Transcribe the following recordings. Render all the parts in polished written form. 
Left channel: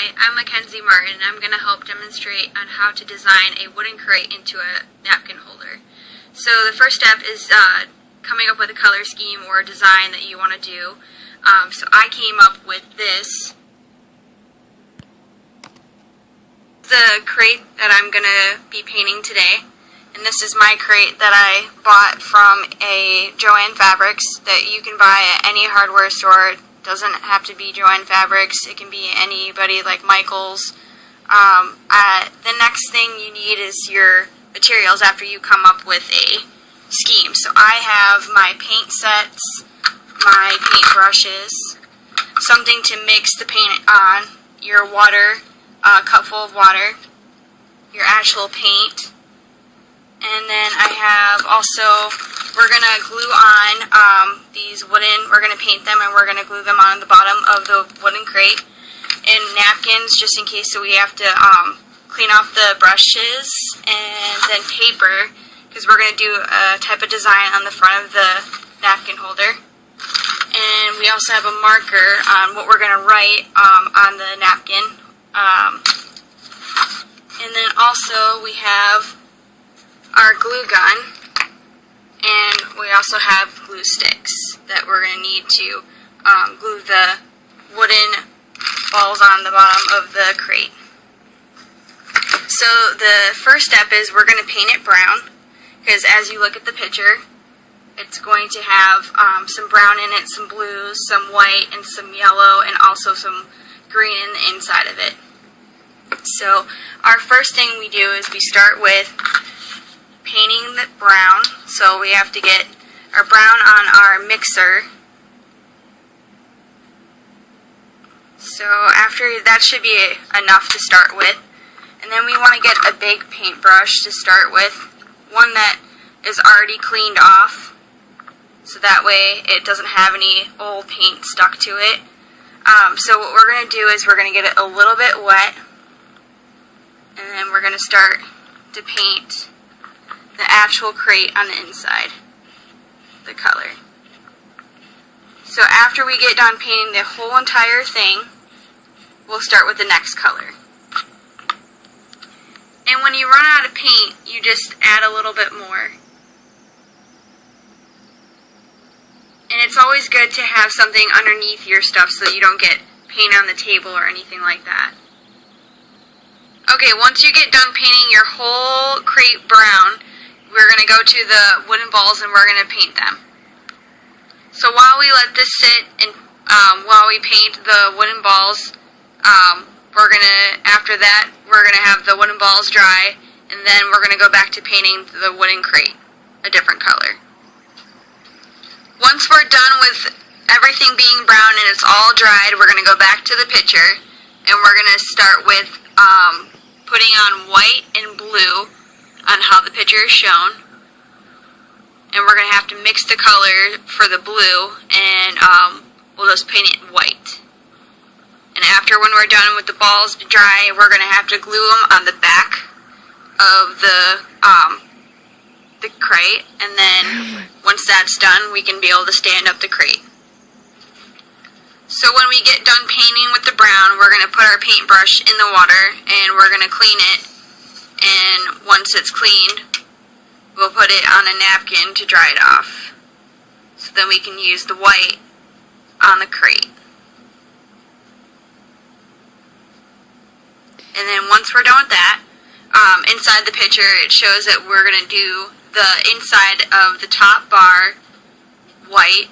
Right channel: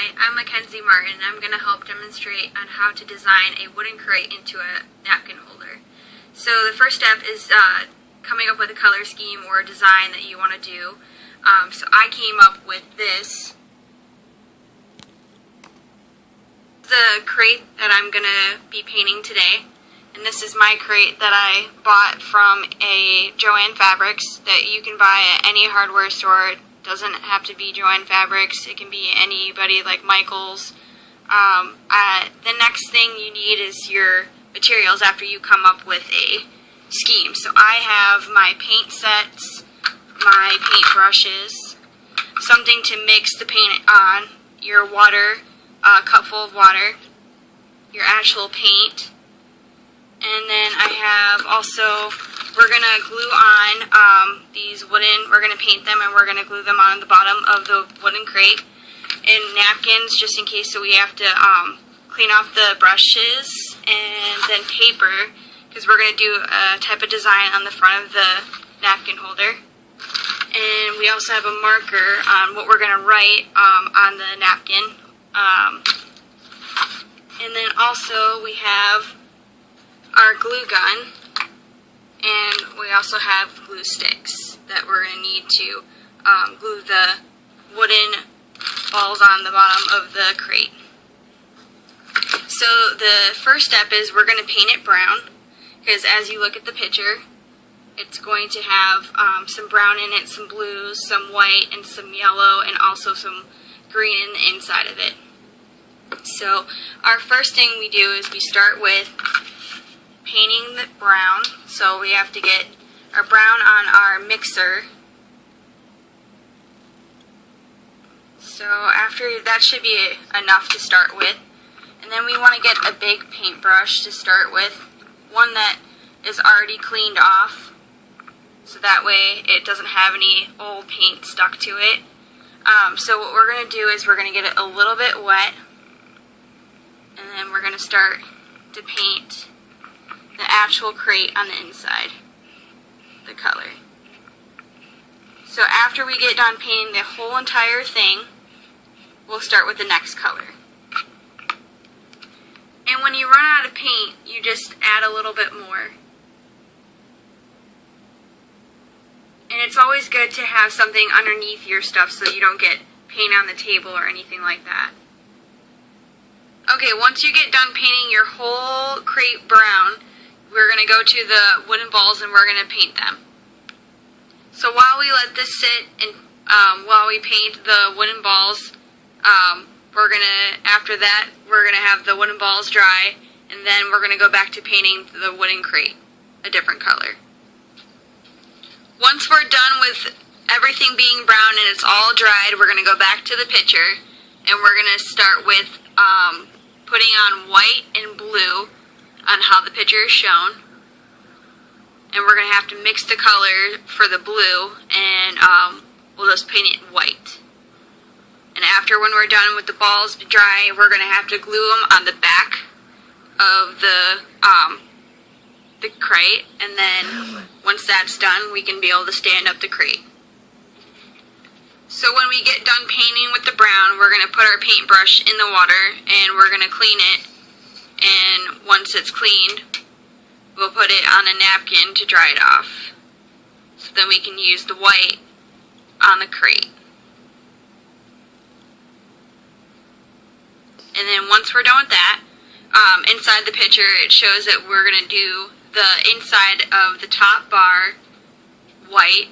Hi, I'm Mackenzie Martin, and I'm going to help demonstrate on how to design a wooden crate into a napkin holder. So the first step is coming up with a color scheme or a design that you want to do. So I came up with this. The crate that I'm going to be painting today, and this is my crate that I bought from a Joann Fabrics that you can buy at any hardware store. It doesn't have to be Joann Fabrics, it can be anybody like Michael's. The next thing you need is your materials after you come up with a scheme. So I have my paint sets, my paint brushes, something to mix the paint on, your water, a cup full of water, your actual paint, and then I have also, we're going to glue on these wooden, we're going to paint them and we're going to glue them on the bottom of the wooden crate, and napkins just in case, so we have to clean off the brushes, and then paper, because we're going to do a type of design on the front of the napkin holder. And we also have a marker on what we're going to write on the napkin. And then also we have our glue gun, and we also have glue sticks that we're going to need to glue the wooden balls on the bottom of the crate. So the first step is we're going to paint it brown, because as you look at the picture, it's going to have some brown in it, some blues, some white, and some yellow, and also some green in the inside of it. So our first thing we do is we start with painting the brown. So we have to get our brown on our mixer. So after that should be enough to start with. And then we want to get a big paintbrush to start with, one that is already cleaned off, so that way it doesn't have any old paint stuck to it. So what we're going to do is we're going to get it a little bit wet, and then we're going to start to paint the actual crate on the inside, the color. So after we get done painting the whole entire thing, we'll start with the next color. And when you run out of paint, you just add a little bit more. And it's always good to have something underneath your stuff so that you don't get paint on the table or anything like that. Okay, once you get done painting your whole crate brown, we're going to go to the wooden balls and we're going to paint them. So while we let this sit and while we paint the wooden balls, after that, we're going to have the wooden balls dry, and then we're going to go back to painting the wooden crate a different color. Once we're done with everything being brown and it's all dried, we're going to go back to the picture, and we're going to start with putting on white and blue on how the picture is shown. And we're going to have to mix the color for the blue, and we'll just paint it white. And after, when we're done with the balls dry, we're going to have to glue them on the back of the crate, and then once that's done, we can be able to stand up the crate. So when we get done painting with the brown, we're going to put our paintbrush in the water, and we're going to clean it, and once it's cleaned, we'll put it on a napkin to dry it off. So then we can use the white on the crate. And then once we're done with that, inside the picture it shows that we're going to do the inside of the top bar white,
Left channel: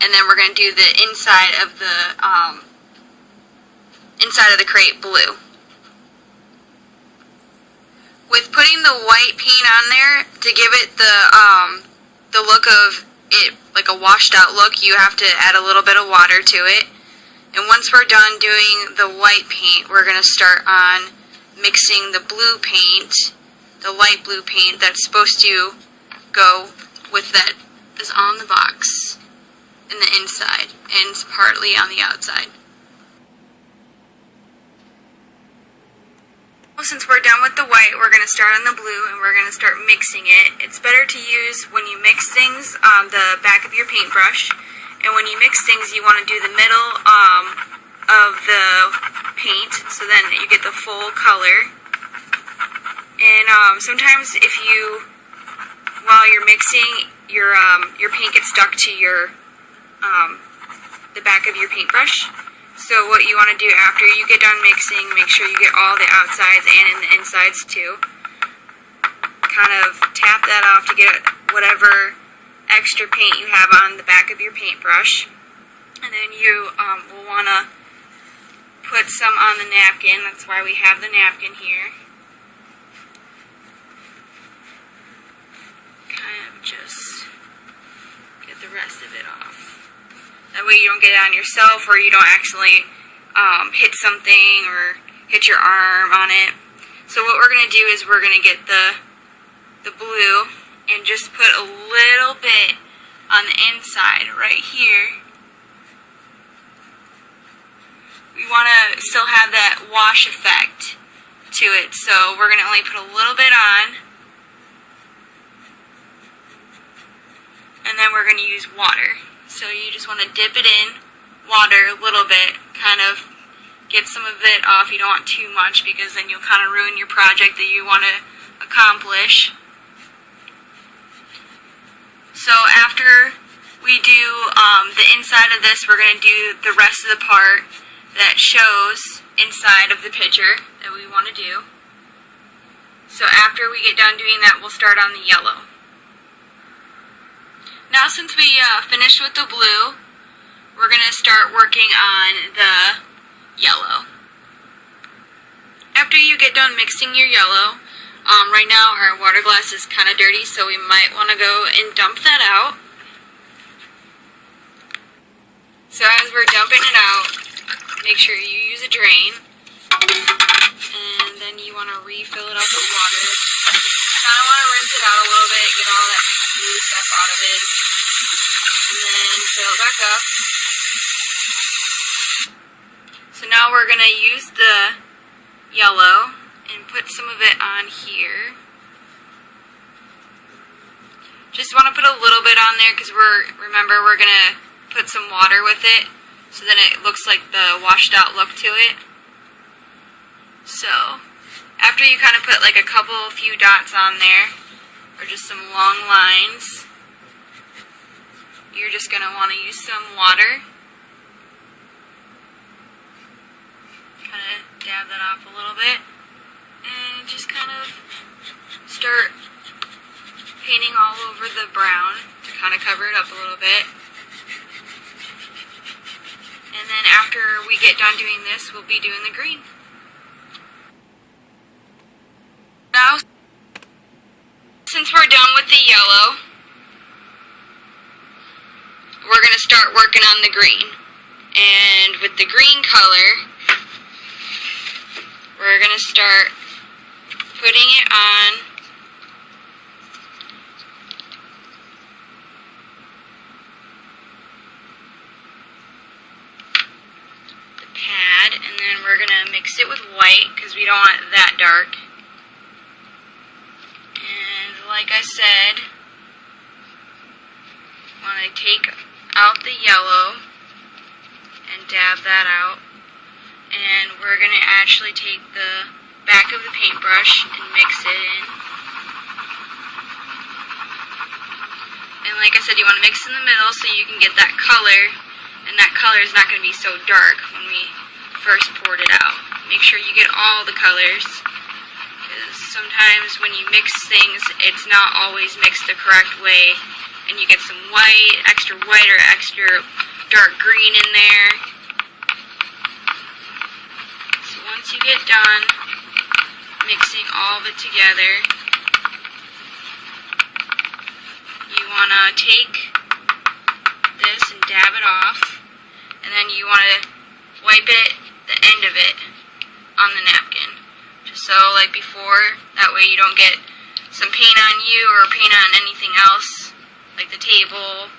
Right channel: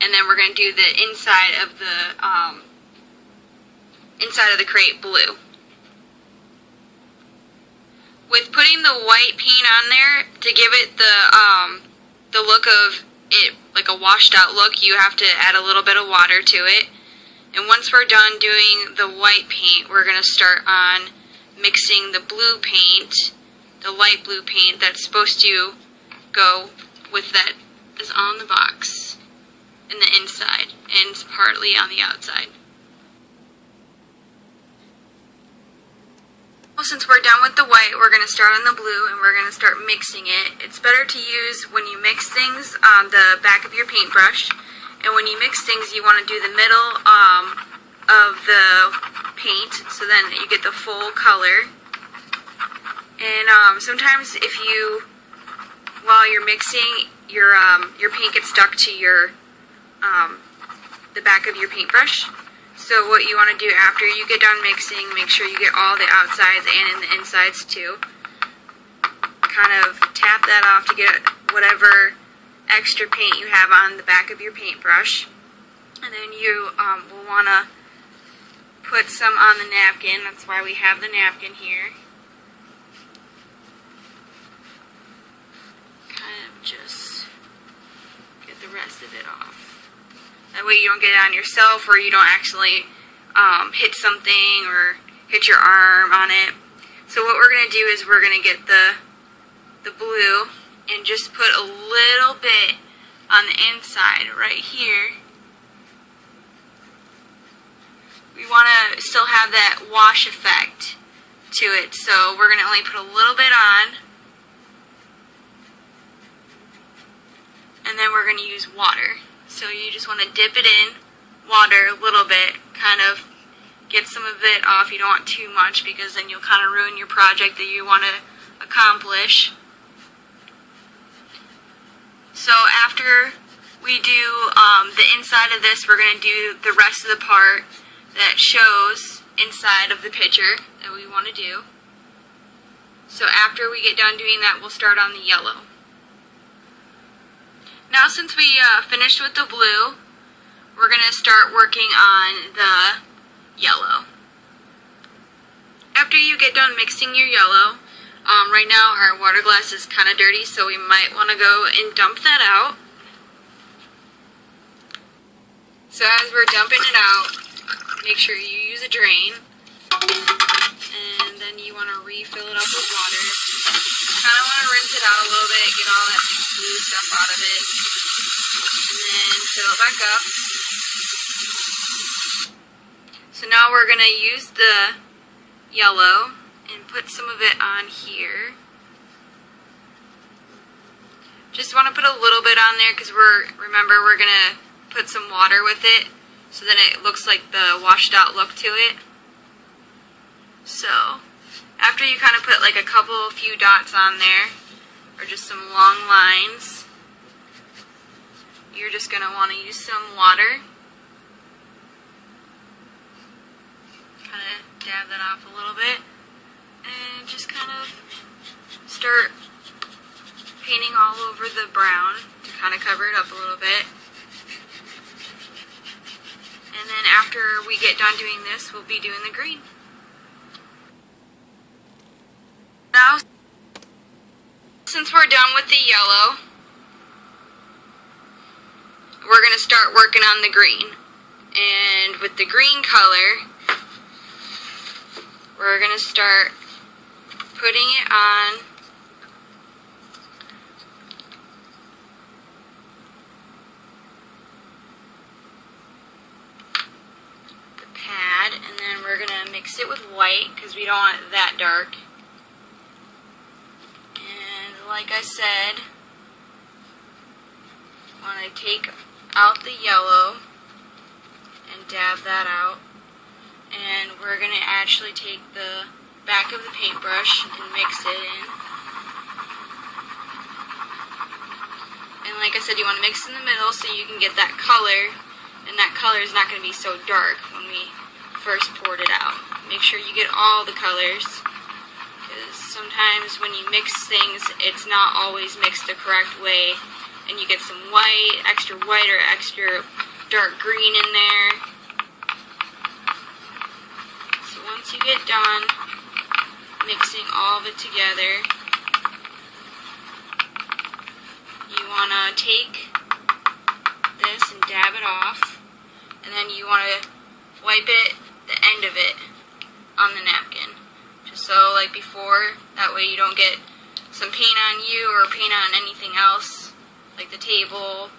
and then we're going to do the inside of the crate blue. With putting the white paint on there, to give it the look of it, like a washed out look, you have to add a little bit of water to it. And once we're done doing the white paint, we're going to start on mixing the blue paint, the light blue paint that's supposed to go with that is on the box in the inside and partly on the outside. Well, since we're done with the white, we're going to start on the blue and we're going to start mixing it. It's better to use, when you mix things, the back of your paintbrush. And when you mix things, you want to do the middle of the paint, so then you get the full color. And sometimes if you, while you're mixing, your paint gets stuck to your the back of your paintbrush. So what you want to do after you get done mixing, make sure you get all the outsides and in the insides too. Kind of tap that off to get whatever extra paint you have on the back of your paintbrush. And then you will want to put some on the napkin. That's why we have the napkin here. Kind of just get the rest of it off. That way you don't get it on yourself, or you don't accidentally hit something or hit your arm on it. So what we're going to do is we're going to get the blue and just put a little bit on the inside right here. We want to still have that wash effect to it, so we're going to only put a little bit on, and then we're going to use water. So you just want to dip it in water a little bit, kind of get some of it off. You don't want too much, because then you'll kind of ruin your project that you want to accomplish. So after we do the inside of this, we're going to do the rest of the part that shows inside of the picture that we want to do. So after we get done doing that, we'll start on the yellow. Now since we finished with the blue, we're going to start working on the yellow. After you get done mixing your yellow, right now our water glass is kind of dirty, so we might want to go and dump that out. So as we're dumping it out, make sure you use a drain, and then you want to refill it up with water. You kind of want to rinse it out a little bit, get all that blue stuff out of it, and then fill it back up. So now we're going to use the yellow and put some of it on here. Just want to put a little bit on there, because remember we're going to put some water with it, so then it looks like the washed out look to it. So after you kind of put like a few dots on there, or just some long lines, you're just going to want to use some water. Kind of dab that off a little bit, and just kind of start painting all over the brown to kind of cover it up a little bit. And then after we get done doing this, we'll be doing the green. Now, since we're done with the yellow, we're going to start working on the green. And with the green color, we're going to start putting it on the pad, and then we're going to mix it with white, because we don't want it that dark. And like I said, want to take out the yellow and dab that out. And we're going to actually take the back of the paintbrush and mix it in. And like I said, you want to mix in the middle so you can get that color, and that color is not going to be so dark when we first poured it out. Make sure you get all the colors, because sometimes when you mix things, it's not always mixed the correct way, and you get some white, extra white, or extra dark green in there. Once you get done mixing all of it together, you want to take this and dab it off, and then you want to wipe it, the end of it, on the napkin, just so like before, that way you don't get some paint on you or paint on anything else like the table.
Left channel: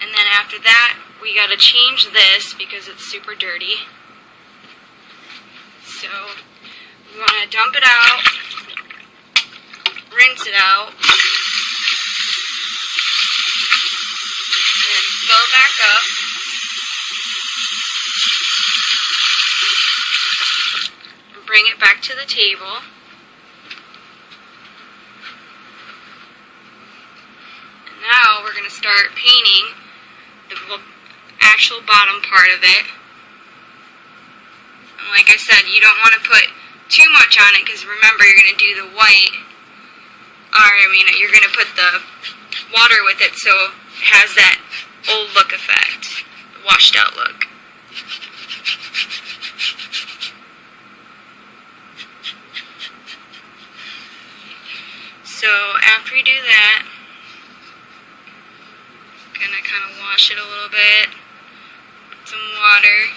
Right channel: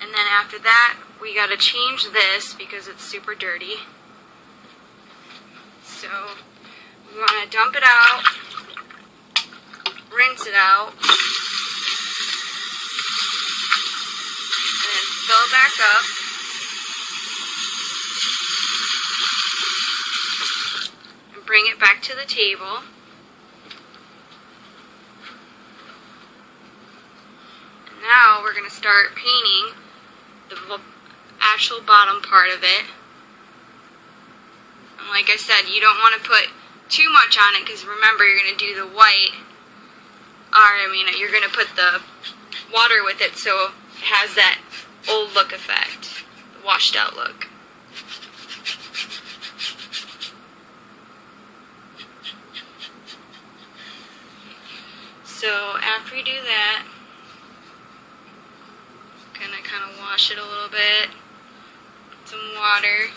And then after that, we got to change this because it's super dirty. So we want to dump it out, rinse it out, and fill it back up. bring it back to the table. And now we're going to start painting the actual bottom part of it. And like I said, you don't want to put too much on it because remember, you're going to do the white, you're going to put the water with it so it has that old look effect, the washed out look. So after we do that, I'm going to kind of wash it a little bit, put some water.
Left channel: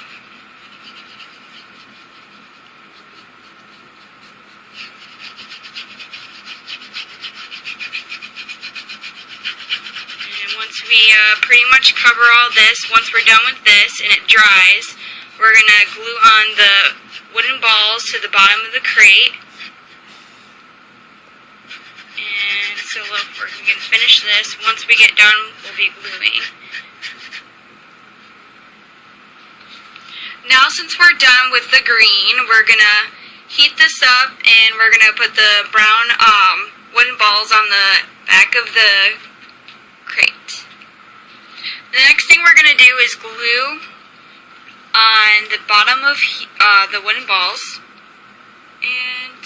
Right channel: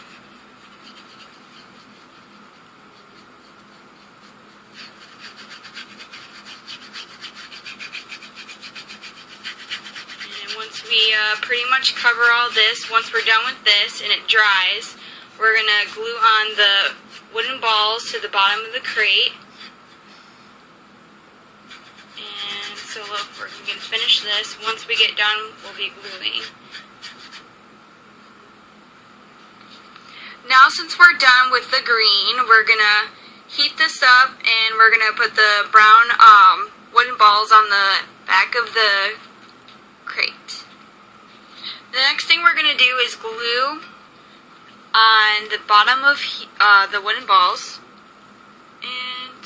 And once we pretty much cover all this, once we're done with this and it dries, we're going to glue on the wooden balls to the bottom of the crate. And so look, we're going to finish this. Once we get done, we'll be gluing. Now since we're done with the green, we're going to heat this up and we're going to put the brown wooden balls on the back of the crate. The next thing we're going to do is glue on the bottom of the wooden balls. And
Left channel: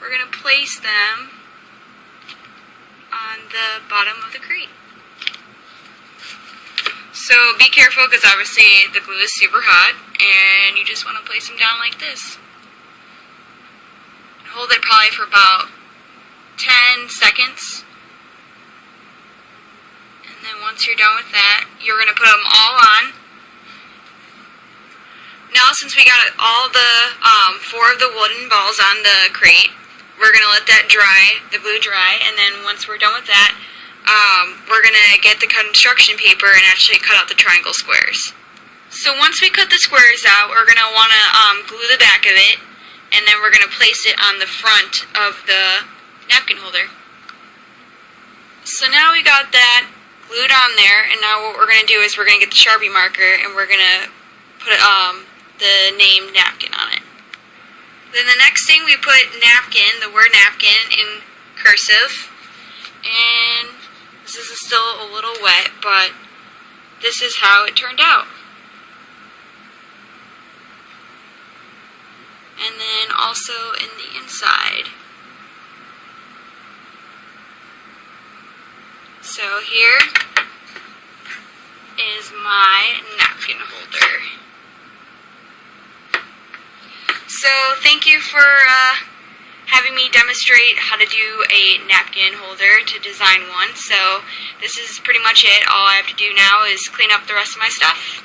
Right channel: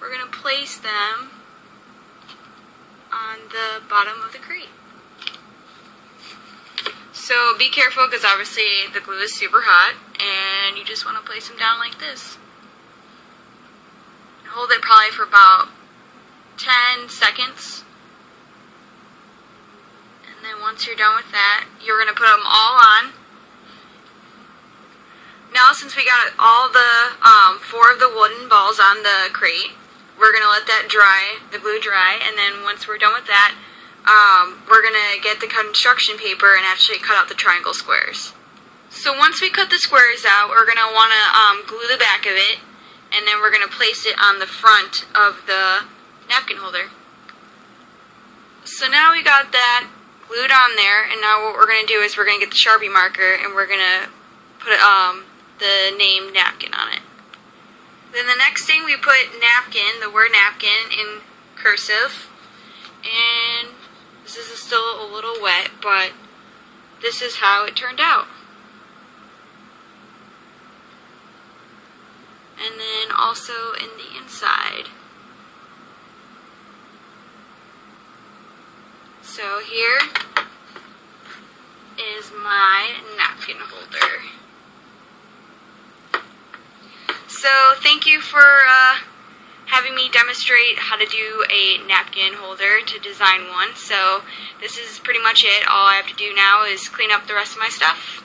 we're going to place them on the bottom of the crate. So be careful because obviously the glue is super hot and you just want to place them down like this. Hold it probably for about 10 seconds. And then once you're done with that, you're going to put them all on. Now since we got all the 4 of the wooden balls on the crate, we're going to let that dry, the glue dry, and then once we're done with that, we're going to get the construction paper and actually cut out the triangle squares. So once we cut the squares out, we're going to want to glue the back of it, and then we're going to place it on the front of the napkin holder. So now we got that glued on there, and now what we're going to do is we're going to get the Sharpie marker and we're going to put the name napkin on it. Then the next thing we put napkin, the word napkin in cursive, and this is still a little wet, but this is how it turned out. And then also in the inside. So here is my napkin holder. So thank you for having me demonstrate how to do a napkin holder to design one. So this is pretty much it. All I have to do now is clean up the rest of my stuff.